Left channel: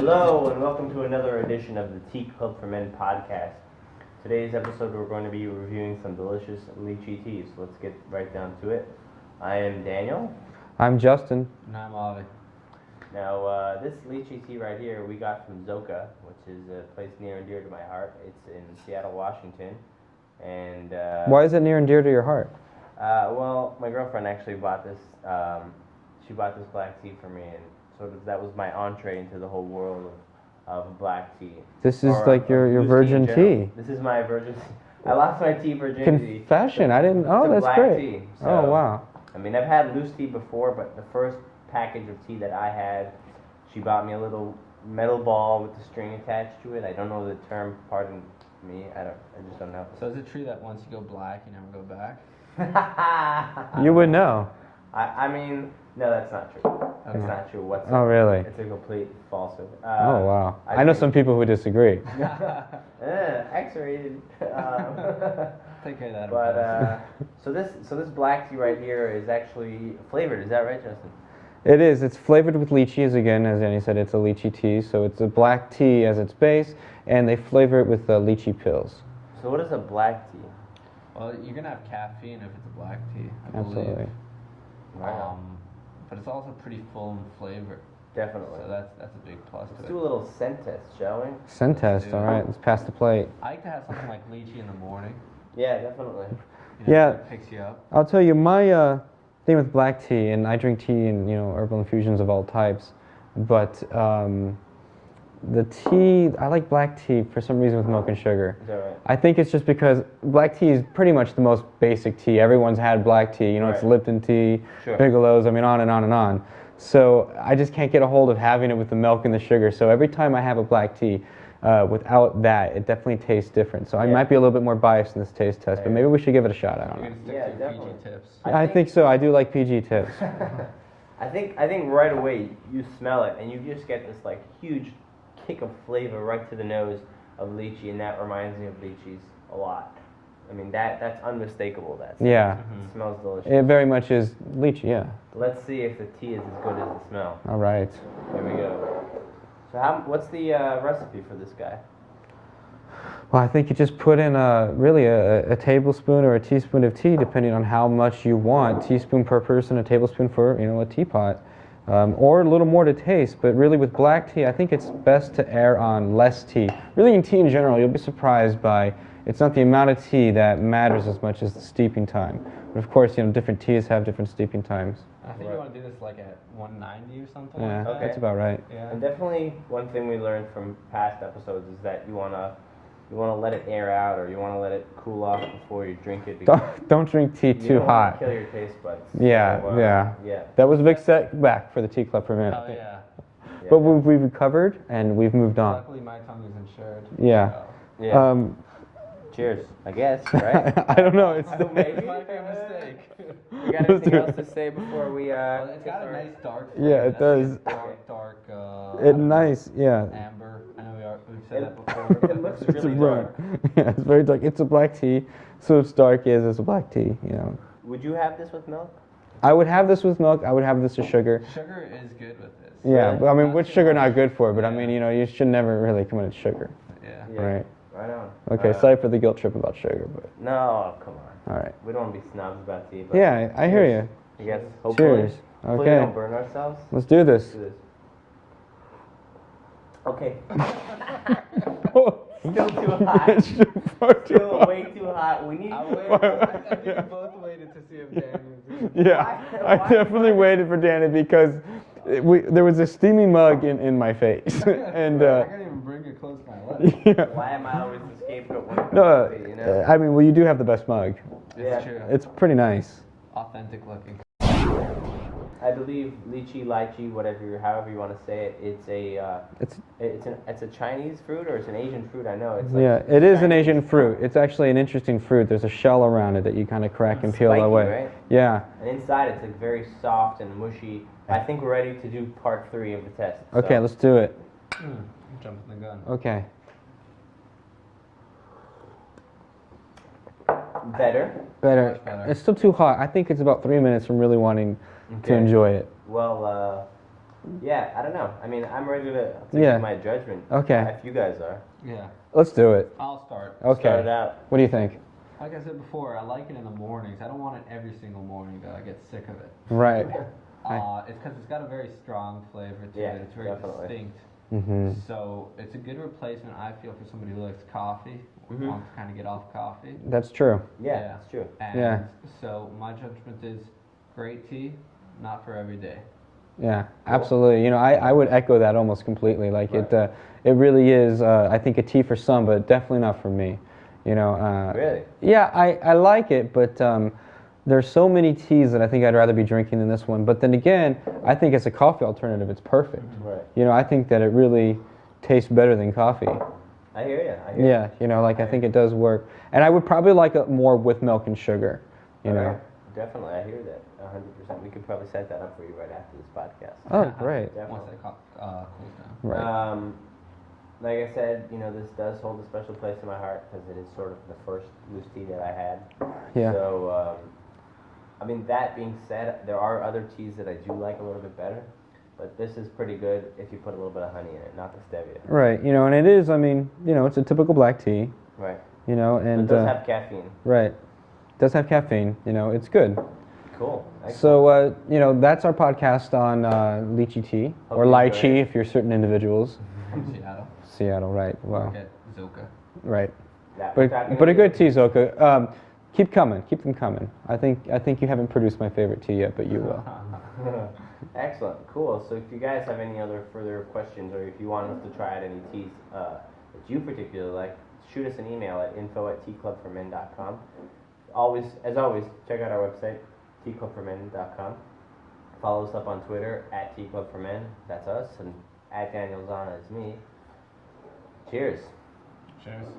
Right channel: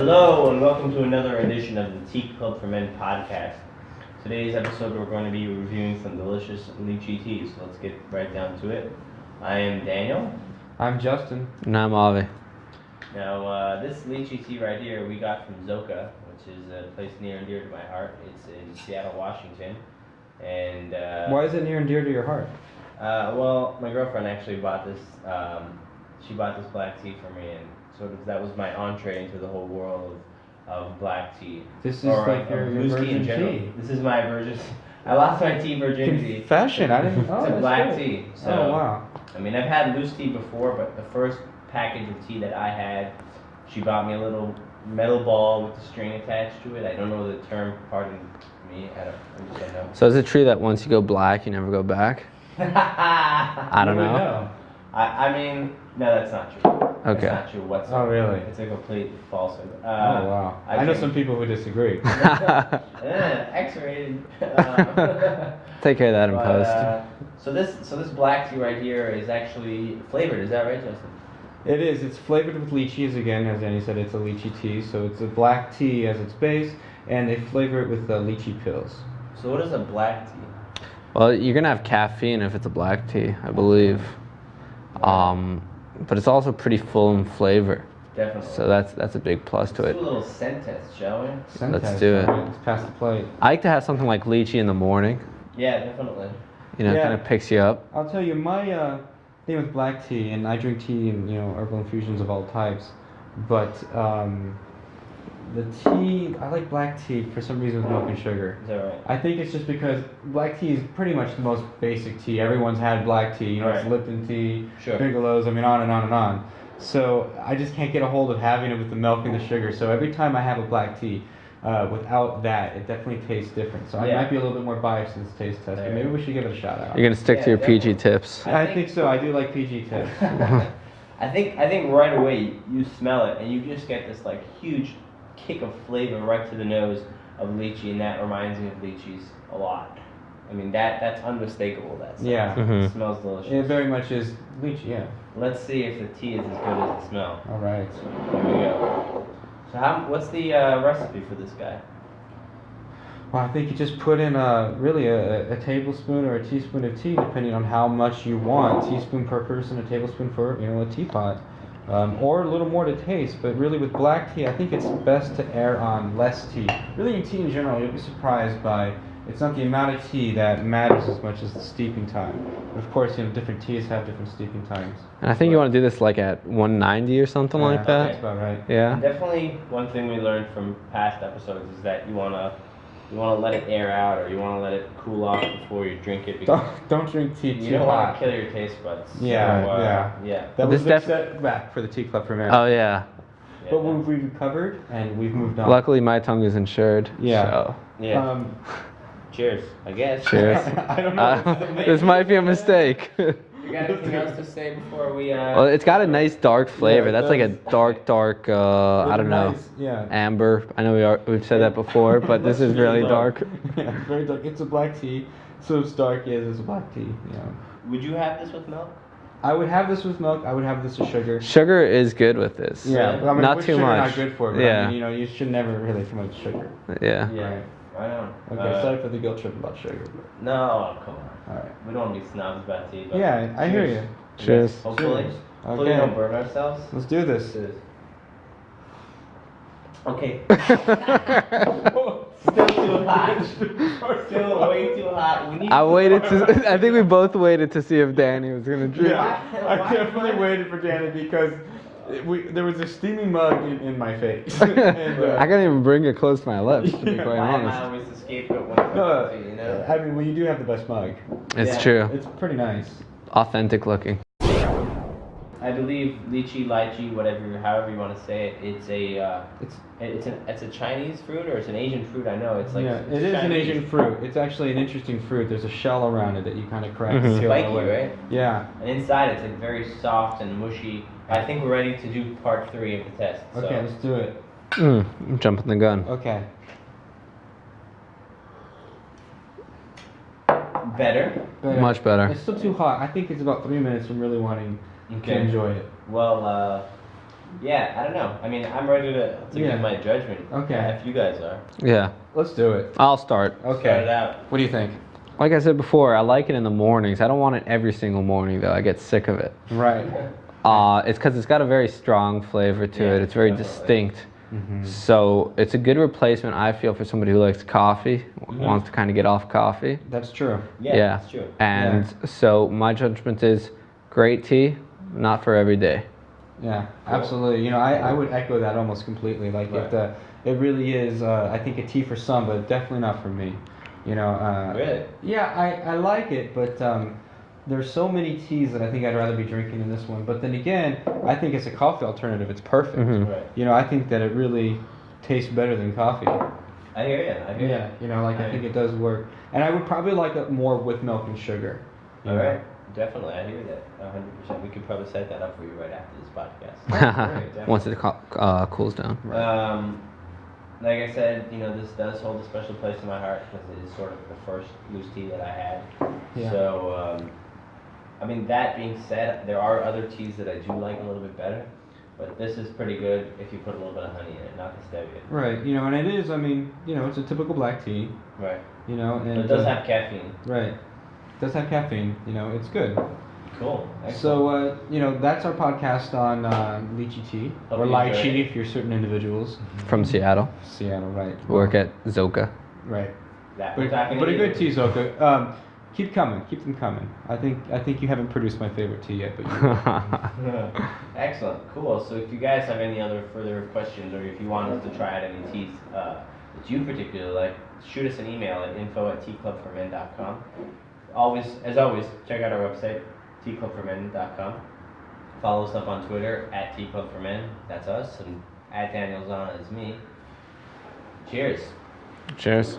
Hello and welcome to another edition of the Tea Club for Men podcast. Today's episode we're going to be reviewing some delicious lychee tea, so let's get right down to it. I am Daniel. I'm Justin. And I'm Avi. Now this lychee tea right here we got from Zoka, which is a place near and dear to my heart. It's in Seattle, Washington. And why is it near and dear to your heart? Well, my girlfriend actually bought this. She bought this black tea for me, and sort of that was my entree into the whole world of black tea. This is like your virgin tea. This is my virgin. I lost my tea virginity. Confession. I didn't. Oh, to that's black great. tea. So, oh wow. I mean, I've had loose tea before, but the first package of tea that I had, she bought me a little metal ball with a string attached to it. I don't know the term. Pardon me. I just don't know. So is it true that once you go black, you never go back? I You don't would know. I mean, no, that's not true. Okay. That's not true whatsoever. Oh really? It's a complete falsehood. Oh wow. I know some people who disagree. X-rated. Take care of that in post. So this black tea right here is actually flavored. Is that right, Justin? It is. It's flavored with lychees again, as Annie said. It's a lychee tea, so it's a black tea as its base, and they flavor it with lychee pills. So what is a black tea? Well, you're gonna have caffeine if it's a black tea, I believe. But it's also pretty full in flavor. Definitely. So that's a big plus to Let's it. do a little scent test, shall we? Scent Let's test, do it. all right, let's pass the plate. I like to have something like lychee in the morning. Yeah, definitely. You know, Yeah. it kind of picks you up. I'll tell you my thing with black tea, and I drink tea and herbal infusions of all types, but the tea, I like black tea for some reason with milk and sugar. Is that right? I think it's just because black tea is pretty much the most basic tea. Everyone's had black tea. It's Right. Lipton tea, Sure. Bigelow's, I mean, on and on and on. So I just can't get a hold of having it with the milk and the sugar. So every time I have a black tea without that, it definitely tastes different. So I Yeah. might be a little bit more biased in this taste test, but maybe we should give it a shot out. You're gonna stick Yeah, to your PG definitely. tips. I think so. I do like PG tips. I think right away you smell it and you just get this like huge kick of flavor right to the nose of lychee, and that reminds me of lychees a lot. I mean that's unmistakable. Yeah. It smells delicious. It very much is lychee, yeah. Let's see if the tea is as good as the smell. All right. Here we go. So what's the recipe for this guy? Well, I think you just put in really a tablespoon or a teaspoon of tea, depending on how much you want. Teaspoon per person, a tablespoon for a teapot, or a little more to taste. But really, with black tea, I think it's best to err on less tea. Really, in tea in general, you'll be surprised by it's not the amount of tea that matters as much as the steeping time. But of course, different teas have different steeping times. And I think you want to do this like at 190 or something like that. That's about right. Yeah. And definitely one thing we learned from past episodes is that you wanna let it air out, or you wanna let it cool off before you drink it. Don't drink tea You too don't wanna hot. kill your taste buds. Yeah, So, yeah. That was a This big setback for the Tea Club for me. Oh yeah. Yeah. But we've recovered and we've moved on. Luckily, my tongue is insured. Yeah. So. Yeah. Cheers, I guess. Cheers. I don't know. This might be a mistake. You got anything else to say before we? Well, it's got a nice dark flavor. it That's like a does. dark. I don't know. Nice, yeah. Amber. I know we've said that before, but this is really dark. Yeah, it's very dark. It's a black tea, so it's dark is it's a black tea. Would you have this with milk? I would have this with milk. I would have this with sugar. Sugar is good with this. Yeah, but I mean, Not with too sugar much. not good for, but Yeah. I mean, you should never really too much sugar. Yeah. Right. I know. Okay, sorry for the guilt trip about sugar. But, No, come on. all right. We don't want to be snobs about tea. But Yeah, I hear you. Yes, Cheers. Hopefully, Cheers. hopefully we Okay. don't burn ourselves. Let's do this. Let's do this. Okay. Still too hot. Still way too hot. We need. I waited to. I think we both waited to see if Danny was gonna drink. Yeah, I definitely waited for Danny because there was a steamy mug in my face. And, I can't even bring it close to my lips. To be quite I'm honest. always the scapegoat when it comes no, to tea, you know? I mean, well, you do have the best mug. It's Yeah. true. It's pretty nice. Authentic looking. I believe lychee, however you want to say it. It's a Chinese fruit, or it's an Asian fruit. I know it's like Yeah, it is an Chinese. Asian fruit. It's actually an interesting fruit. There's a shell around it that you kind of crack and peel Spiky, away. right? Yeah. And inside it's like very soft and mushy. I think we're ready to do part 3 of the test. Okay, so. let's do it. I'm jumping the gun. Okay. Better. Much better. It's still too hot. I think it's about 3 minutes from really wanting to Okay. enjoy it. Well, Yeah, I don't know. I mean, I'm ready to Yeah. give my judgment. Okay. If you guys are. Yeah, Let's do it. I'll start. Okay. Start it out. What do you think? Like I said before, I like it in the mornings. I don't want it every single morning though. I get sick of it. Right. It's because it's got a very strong flavor to Yeah, it. It's very definitely. distinct. Mm-hmm. So it's a good replacement, I feel, for somebody who likes coffee, wants to kind of get off coffee. That's true. Yeah, Yeah. that's true. And so my judgment is great tea, not for every day. Yeah, absolutely. You know, I would echo that almost completely. Like Right. it really is. I think a tea for some, but definitely not for me. You know. Really? Yeah, I like it, but there's so many teas that I think I'd rather be drinking than this one. But then again, I think as a coffee alternative, it's perfect. Right. You know, I think that it really tastes better than coffee. I hear you. I hear Yeah, you know, like I think it does work. And I would probably like it more with milk and sugar. You All know. right. Definitely, I hear that. 100%. We could probably set that up for you right after this podcast. Oh, great. Once it cools down. Like I said, you know, this does hold a special place in my heart because it is sort of the first loose tea that I had. Yeah. So, I mean, that being said, there are other teas that I do like a little bit better, but this is pretty good if you put a little bit of honey in it, not the stevia. Right. You know, and it is. I mean, you know, it's a typical black tea. Right. You know, But and it does have caffeine. right. Does have caffeine. You know, it's good. Cool. Excellent. So, you know, that's our podcast on lychee tea, Hope or you enjoyed lychee it. if you're certain individuals. From Seattle. Seattle, right. Work at Zoka. Right. That we're talking But to a you. good tea, Zoka. Keep coming. Keep them coming. I think you haven't produced my favorite tea yet, but you will. Excellent, cool. So if you guys have any other further questions, or if you want us to try out any teas that you particularly like, shoot us an email at info@teaclubformen.com. As always, check out our website, teaclubformen.com. Follow us up on Twitter at teaclubformen. That's us, and at Daniel Zana is me. Cheers. Cheers.